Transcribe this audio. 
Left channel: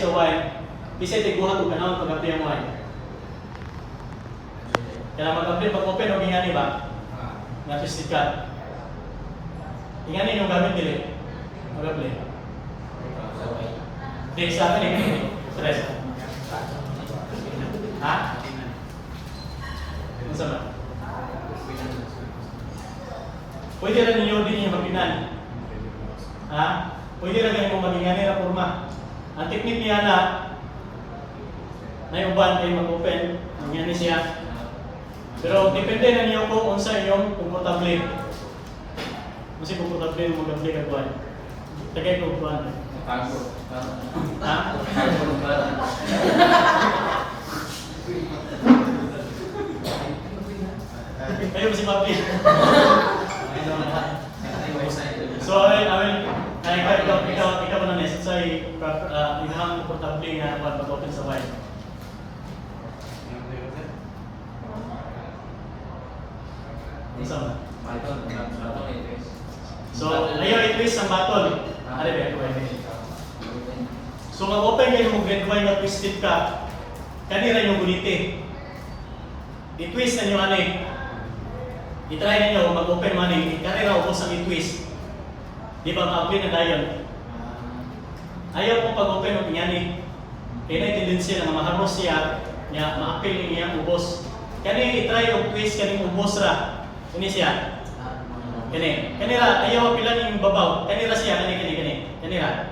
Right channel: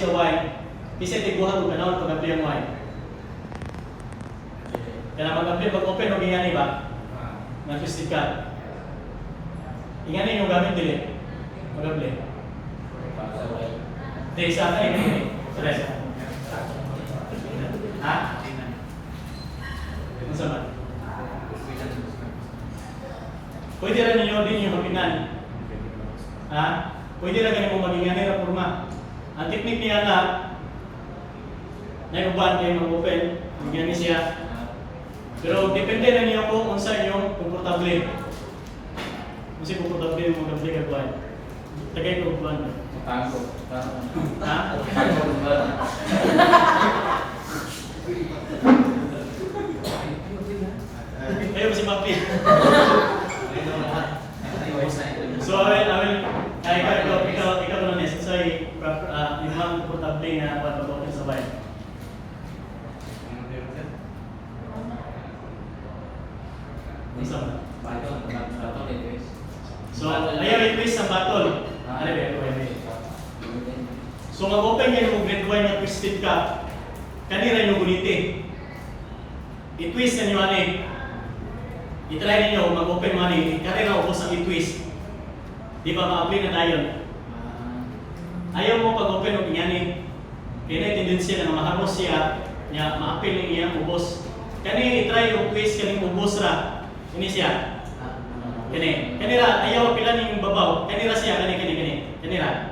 sa wine, kasi tiguhan ko kanawang pag-apply ang wine. Kaya mag-apply, pag-open o gingani ba? Nga twisted ka. Gingani yung gamit nila. Mag-apply. Di, saan ka rin? Sa resa. Ha? Ano sa ba? Pwede rin ninyo din yung magpinan. Ha? Pwede lang ganun magingani na forma. Ang technique niya na uban kayo mag-open, magingani siya. Pero depende na niyo kung unsa yung komportable. Kasi komportable yung mag-apply ka kuhan. Tagay ko kuhan. Tago. Ha? Tago ba? Kayo si Papi. So, ikaw na niya. Say, inang komportable nga kuhan mag-open sa wine. So, ayaw i-twist ang bottle. So, mag-open kayo kung red wine na twisted ka, kanira yung guniti. I-twist na nyo ani. I-try ninyo mag-open man kanira ubos ang i-twist. Di ba ma-apply na dayon? Ayaw mo pag-open ng ingani. Kaya na tendency na maharmos siya, nga ma-apply ng iyang ubos. Kani i-try yung twist kaning ubos ra. Suni siya. Kanira, ayaw pilanin yung babaw. Kanira siya, kanira.